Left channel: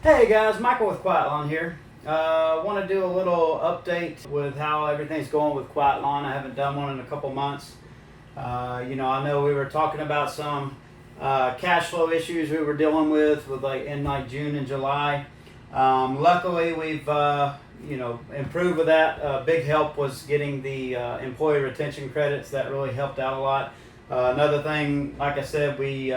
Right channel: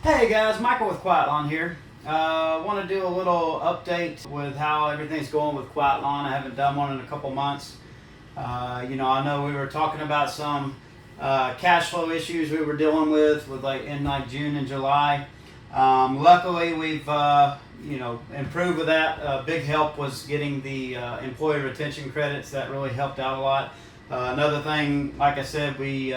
Hey guys, Michael with Quiet Lawn here. Want to do a little update with how everything's going with Quiet Lawn. I haven't done one in a couple months. I know we were talking about some cash flow issues we were dealing with in June and July. Luckily, we've improved with that. Big help was getting the employee retention credits. That really helped out a lot. Another thing, like I said, we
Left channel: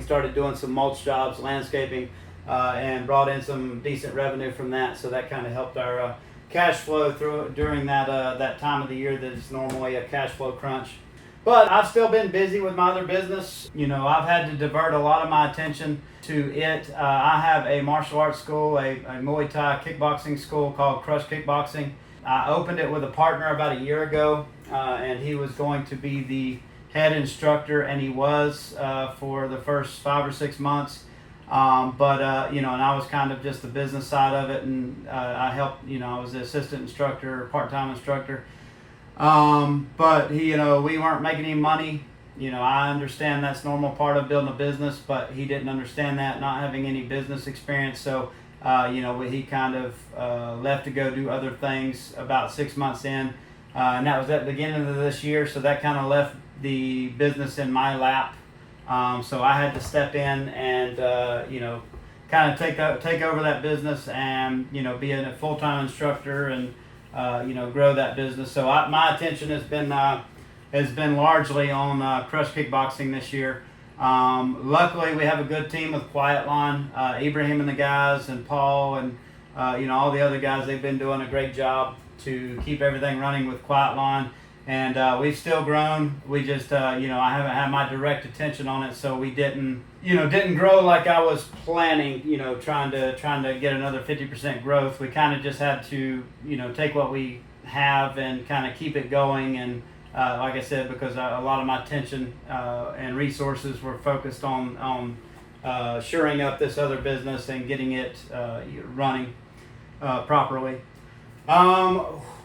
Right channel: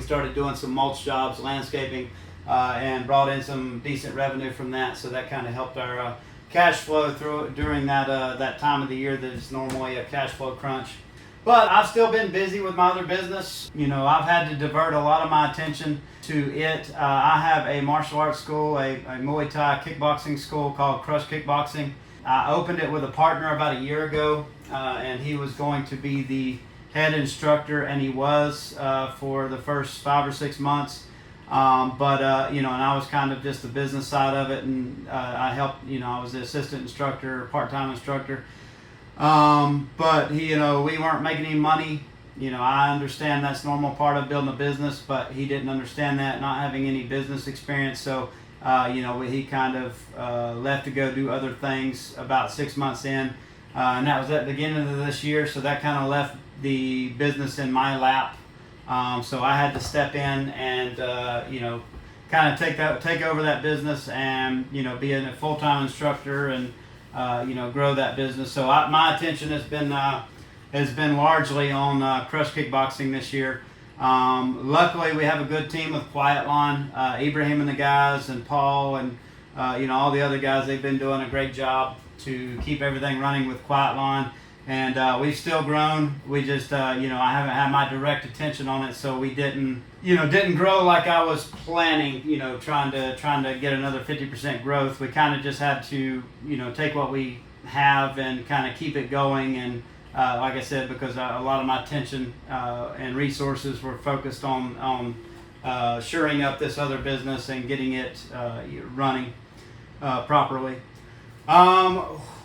started doing some mulch jobs, landscaping, and brought in some decent revenue from that. So that kind of helped our cash flow during that time of the year that is normally a cash flow crunch. But I've still been busy with my other business. I've had to divert a lot of my attention to it. I have a martial arts school, a Muay Thai kickboxing school called Crush Kickboxing. I opened it with a partner about a year ago, and he was going to be the head instructor, and he was for the first 5 or 6 months. And I was kind of just the business side of it, and I helped. I was the assistant instructor, part-time instructor. But we weren't making any money. I understand that's normal part of building a business, but he didn't understand that, not having any business experience. So, he kind of left to go do other things about 6 months in, and that was at the beginning of this year. So that kind of left the business in my lap. So I had to step in and kind of take over that business and be a full-time instructor and grow that business. So my attention has been largely on Crush Kickboxing this year. Luckily, we have a good team with Quiet Lawn, Ibrahim and the guys, and Paul, and all the other guys. They've been doing a great job to keep everything running with Quiet Lawn. And we've still grown. We just, I haven't had my direct attention on it, so we didn't grow like I was planning. Trying to get another 50% growth. We kind of just had to, take what we have and kind of keep it going. And like I said, because a lot of my attention and resources were focused on shoring up this other business and getting it running properly.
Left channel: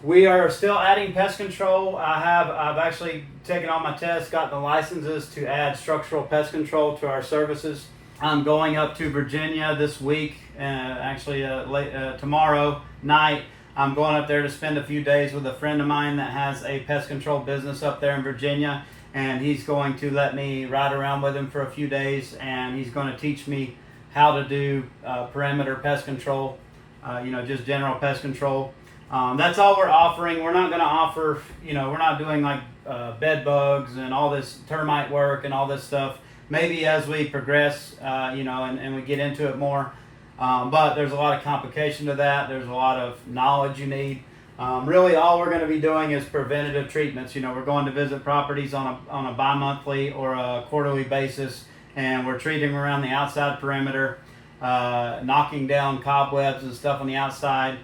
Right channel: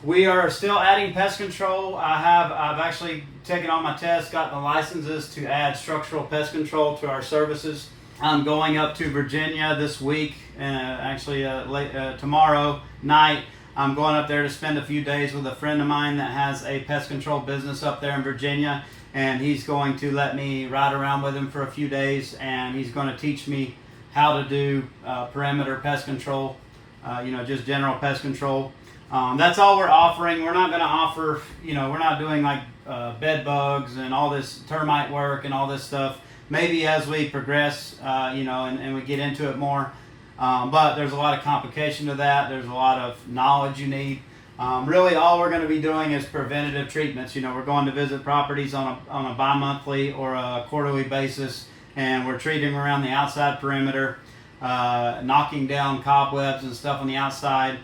We are still adding pest control. I've actually taken all my tests, got the licenses to add structural pest control to our services. I'm going up to Virginia this week, tomorrow night. I'm going up there to spend a few days with a friend of mine that has a pest control business up there in Virginia, and he's going to let me ride around with him for a few days, and he's going to teach me how to do perimeter pest control, just general pest control. That's all we're offering. We're not going to offer, we're not doing like bed bugs and all this termite work and all this stuff. Maybe as we progress, and we get into it more. But there's a lot of complication to that. There's a lot of knowledge you need. Really, all we're going to be doing is preventative treatments. We're going to visit properties on a bi-monthly or a quarterly basis, and we're treating around the outside perimeter, knocking down cobwebs and stuff on the outside,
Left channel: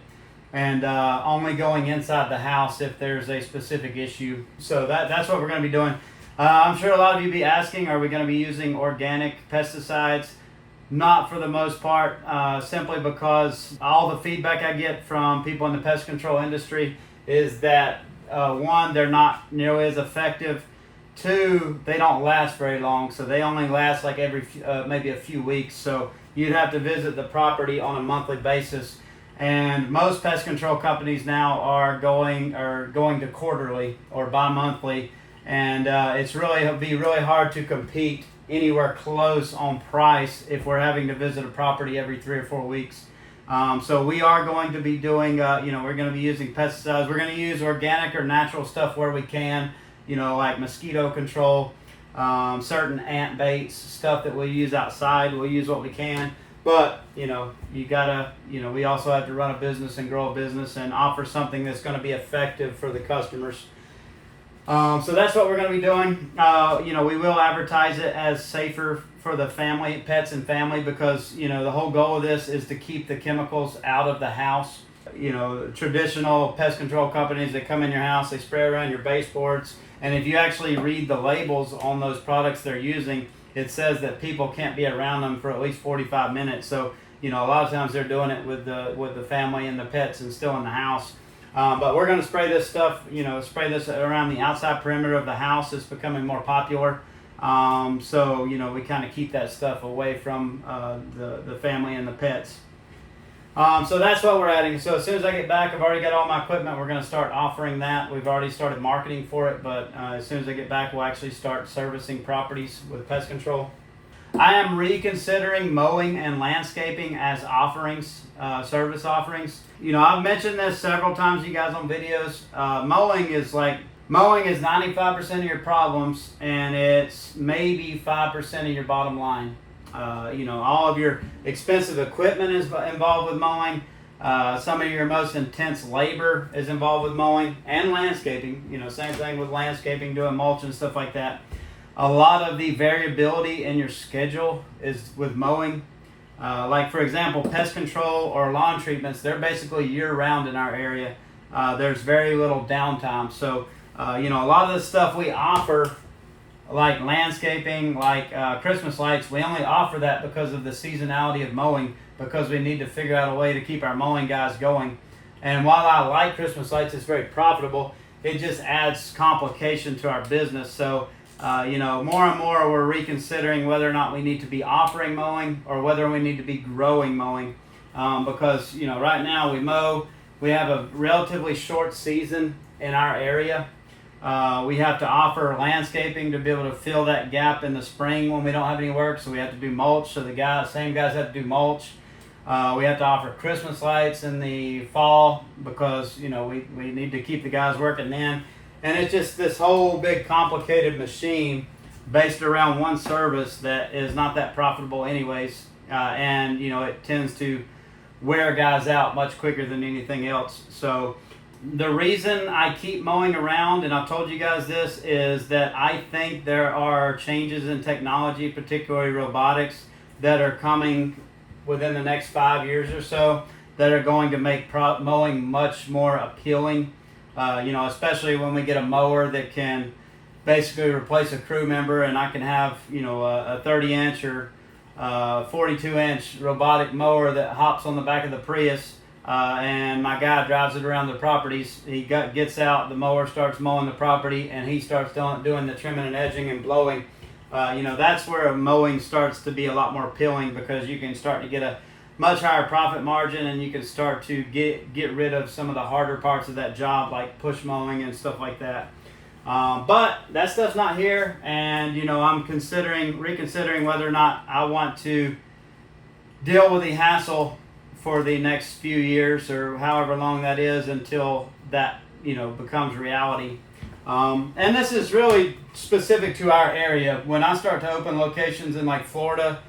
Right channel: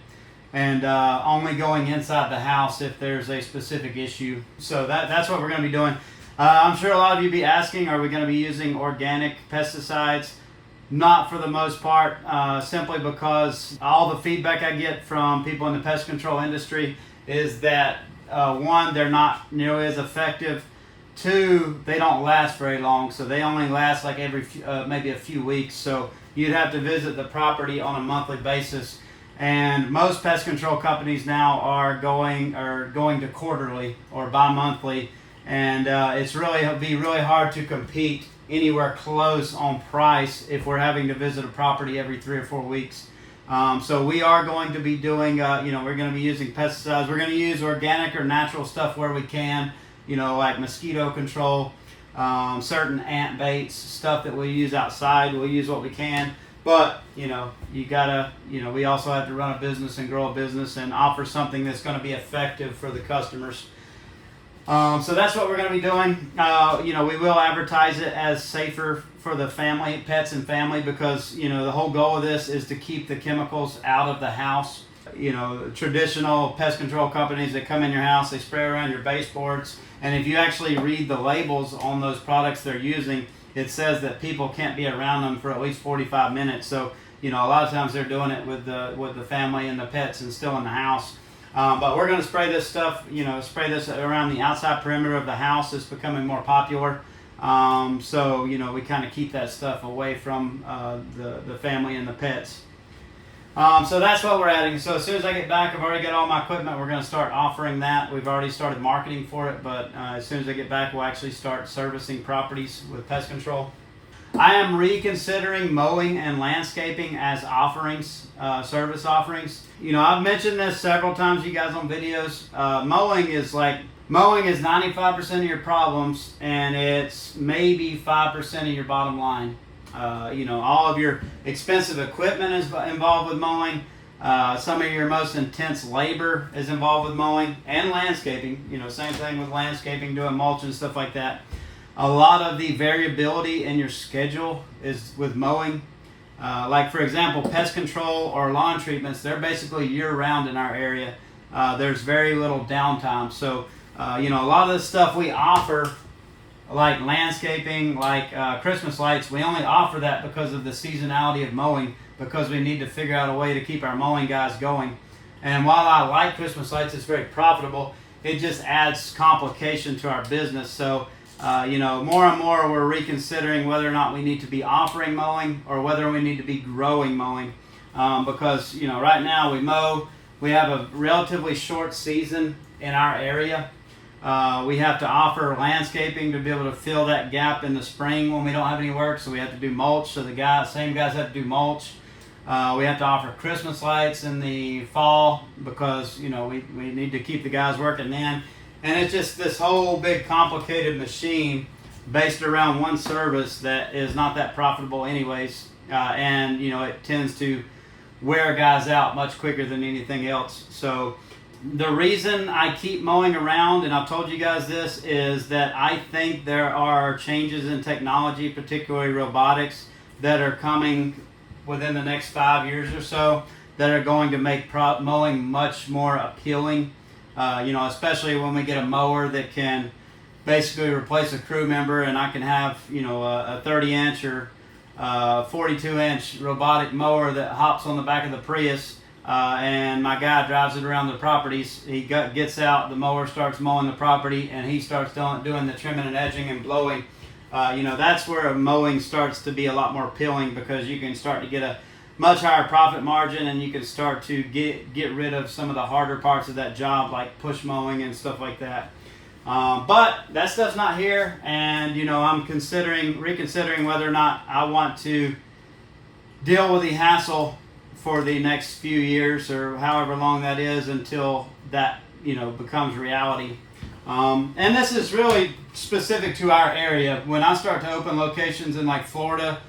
and only going inside the house if there's a specific issue. So that's what we're going to be doing. I'm sure a lot of you be asking, are we going to be using organic pesticides? Not for the most part, simply because all the feedback I get from people in the pest control industry is that, one, they're not nearly as effective. Two, they don't last very long, so they only last like every maybe a few weeks. So you'd have to visit the property on a monthly basis. And most pest control companies now are going to quarterly or bi-monthly, and it'll be really hard to compete anywhere close on price if we're having to visit a property every 3 or 4 weeks. So we are going to be doing, we're going to be using pesticides. We're going to use organic or natural stuff where we can, like mosquito control, certain ant baits, stuff that we use outside. We'll use what we can. But, you gotta, we also have to run a business and grow a business and offer something that's going to be effective for the customers. So that's what we're going to be doing. We will advertise it as safer for the family, pets and family, because, the whole goal of this is to keep the chemicals out of the house. Traditional pest control companies that come in your house, they spray around your baseboards. And if you actually read the labels on those products they're using, it says that people can't be around them for at least 45 minutes. So, a lot of times they're doing it with the family and the pets and still in the house. But we're going to spray this stuff, spray this around the outside perimeter of the house. It's becoming more popular. So, we kind of keep that stuff away from the family and the pets. So that's what we're adding. So as soon as I get back, I've already got all my equipment. We're going to start offering that. We've already started marketing for it, but as soon as I get back, we'll actually start servicing properties with Pest Control. I am reconsidering mowing and landscaping as offerings, service offerings. I've mentioned this several times, you guys, on videos. Mowing is 95% of your problems, and it's maybe 5% of your bottom line. All of your expensive equipment is involved with mowing. Some of your most intense labor is involved with mowing and landscaping. Same thing with landscaping, doing mulch and stuff like that. A lot of the variability in your schedule is with mowing. Like, for example, pest control or lawn treatments, they're basically year-round in our area. There's very little downtime. So, a lot of the stuff we offer, like landscaping, like Christmas lights, we only offer that because of the seasonality of mowing, because we need to figure out a way to keep our mowing guys going. And while I like Christmas lights, it's very profitable, it just adds complication to our business. So, more and more we're reconsidering whether or not we need to be offering mowing or whether we need to be growing mowing. Because, right now we mow, we have a relatively short season in our area. We have to offer landscaping to be able to fill that gap in the spring when we don't have any work, so we have to do mulch, so same guys have to do mulch. We have to offer Christmas lights in the fall because, we need to keep the guys working then. And it's just this whole big complicated machine based around one service that is not that profitable anyways. And, it tends to wear guys out much quicker than anything else. So the reason I keep mowing around, and I've told you guys this, is that I think there are changes in technology, particularly robotics, that are coming within the next 5 years or so that are going to make mowing much more appealing. Especially when we get a mower that can basically replace a crew member, and I can have, a 30-inch or 42-inch robotic mower that hops on the back of the Prius, and my guy drives it around the properties. He gets out, the mower starts mowing the property, and he starts doing the trimming and edging and blowing. That's where mowing starts to be a lot more appealing, because you can start to get a much higher profit margin, and you can start to get rid of some of the harder parts of that job, like push mowing and stuff like that. But that stuff's not here, and I'm reconsidering whether or not I want to deal with the hassle for the next few years, or however long that is, until that becomes reality. And this is really specific to our area. When I start to open locations in like Florida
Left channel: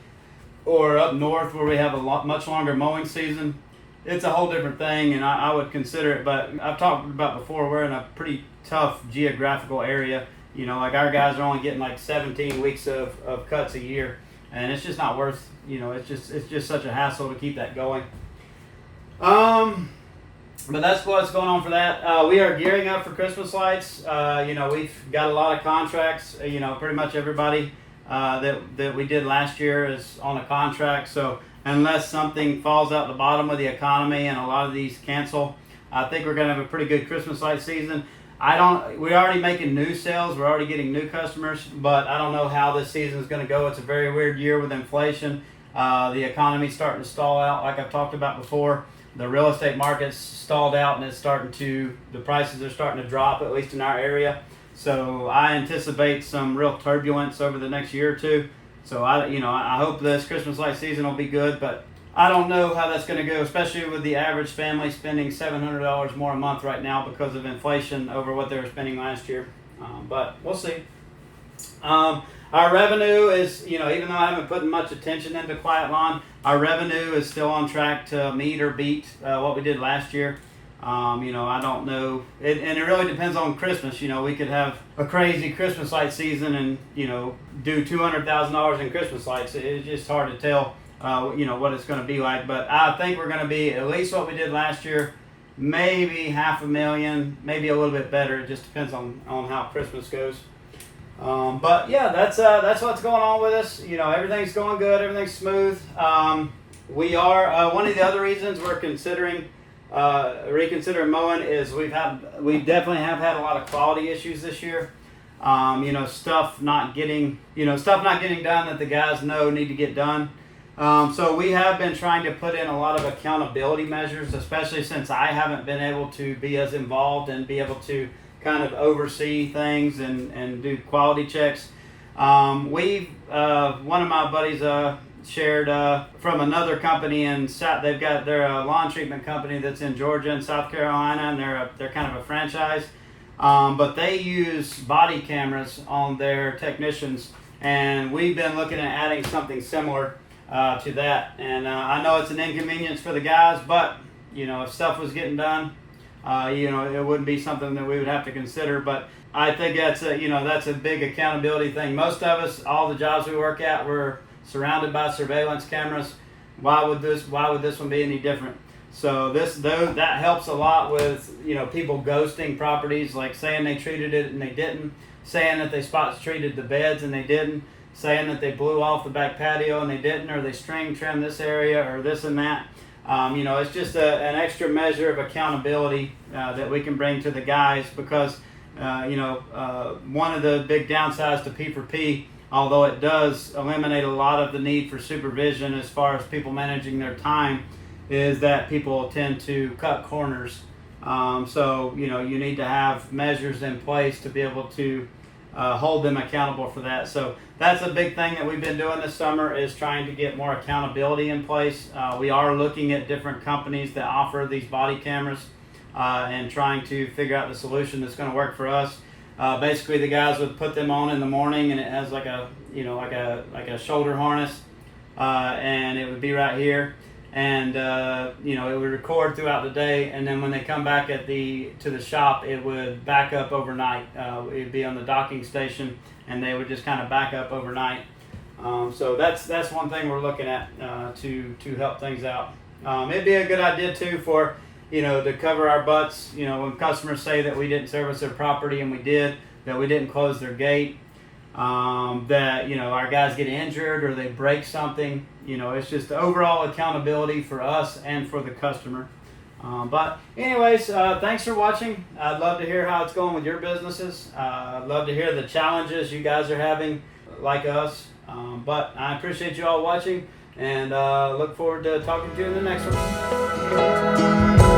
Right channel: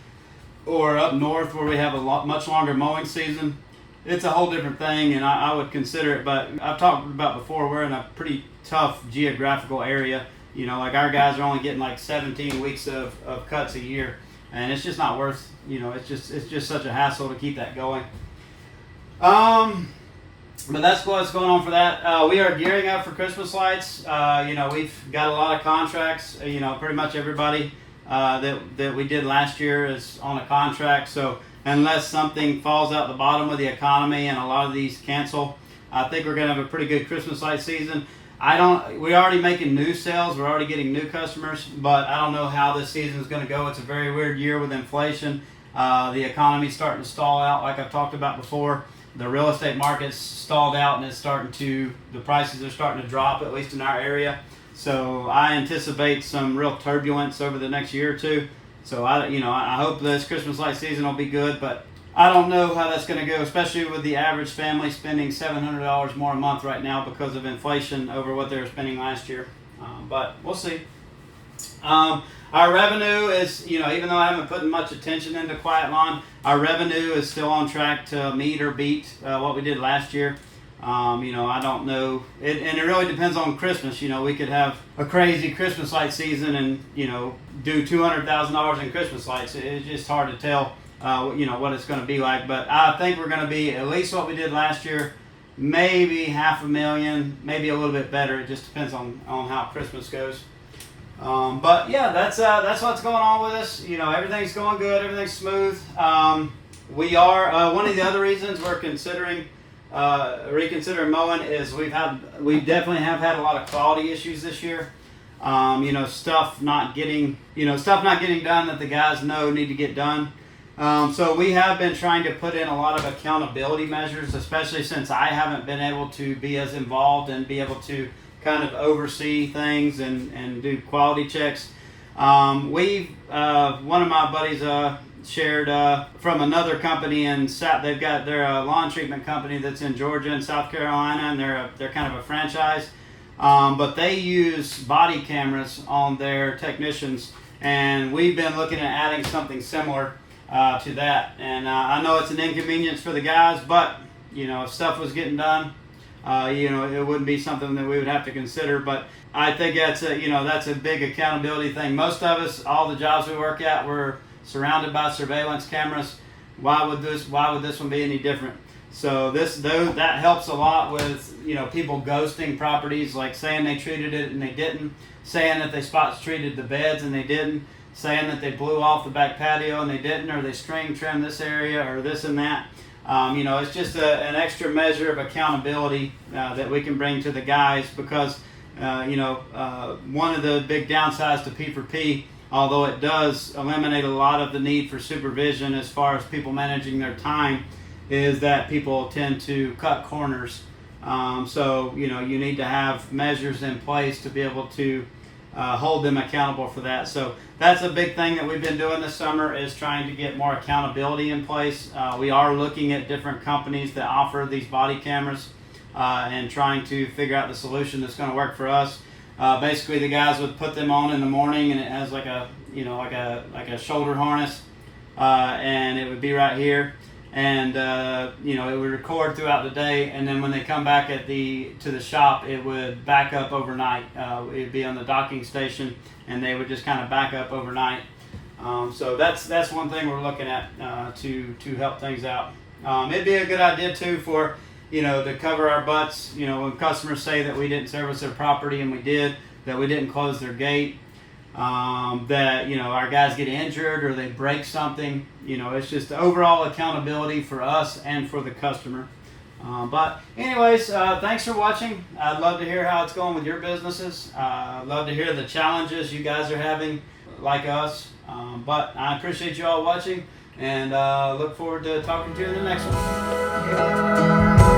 or up north where we have a much longer mowing season, it's a whole different thing, and I would consider it. But I've talked about before, we're in a pretty tough geographical area. Like our guys are only getting like 17 weeks of cuts a year, and it's just not worth, it's just such a hassle to keep that going. But that's what's going on for that. We are gearing up for Christmas lights. We've got a lot of contracts. Pretty much everybody that we did last year is on a contract. So unless something falls out the bottom of the economy and a lot of these cancel, I think we're going to have a pretty good Christmas light season. We're already making new sales. We're already getting new customers, but I don't know how this season is going to go. It's a very weird year with inflation. The economy's starting to stall out, like I've talked about before. The real estate market's stalled out, and the prices are starting to drop, at least in our area. So I anticipate some real turbulence over the next year or two. So I hope this Christmas light season will be good, but I don't know how that's going to go, especially with the average family spending $700 more a month right now because of inflation over what they were spending last year. But we'll see. Our revenue is, even though I haven't put much attention into Quiet Lawn, our revenue is still on track to meet or beat what we did last year. I don't know. And it really depends on Christmas. We could have a crazy Christmas light season and, do $200,000 in Christmas lights. It's just hard to tell, what it's going to be like. But I think we're going to be at least what we did last year, maybe $500,000, maybe a little bit better. It just depends on how Christmas goes. But yeah, that's what's going on with us. Everything's going good. Everything's smooth. We are one of the other reasons we're reconsidering mowing is we definitely have had a lot of quality issues this year. stuff not getting done that the guys know need to get done. So we have been trying to put in a lot of accountability measures, especially since I haven't been able to be as involved and be able to kind of oversee things and do quality checks. One of my buddies shared from another company in South. They've got their lawn treatment company that's in Georgia and South Carolina, and they're kind of a franchise. But they use body cameras on their technicians, and we've been looking at adding something similar to that. And I know it's an inconvenience for the guys, but if stuff was getting done, it wouldn't be something that we would have to consider. But I think that's a big accountability thing. Most of us, all the jobs we work at, we're surrounded by surveillance cameras. Why would this one be any different? So that helps a lot with people ghosting properties, like saying they treated it and they didn't, saying that they spot treated the beds and they didn't, saying that they blew off the back patio and they didn't, or they string trimmed this area or this and that. It's just an extra measure of accountability that we can bring to the guys, because one of the big downsides to P4P, although it does eliminate a lot of the need for supervision as far as people managing their time, is that people tend to cut corners. So you need to have measures in place to be able to hold them accountable for that. So that's a big thing that we've been doing this summer, is trying to get more accountability in place. We are looking at different companies that offer these body cameras and trying to figure out the solution that's going to work for us. Basically, the guys would put them on in the morning, and it has like a shoulder harness, and it would be right here. And it would record throughout the day, and then when they come back to the shop, it would back up overnight. It would be on the docking station, and they would just kind of back up overnight. So that's one thing we're looking at to help things out. It'd be a good idea too for to cover our butts. When customers say that we didn't service their property, and we did, that we didn't close their gate. That our guys get injured or they break something. It's just overall accountability for us and for the customer. But anyways, thanks for watching. I'd love to hear how it's going with your businesses. I'd love to hear the challenges you guys are having, like us. But I appreciate you all watching, and look forward to talking to you in the next one.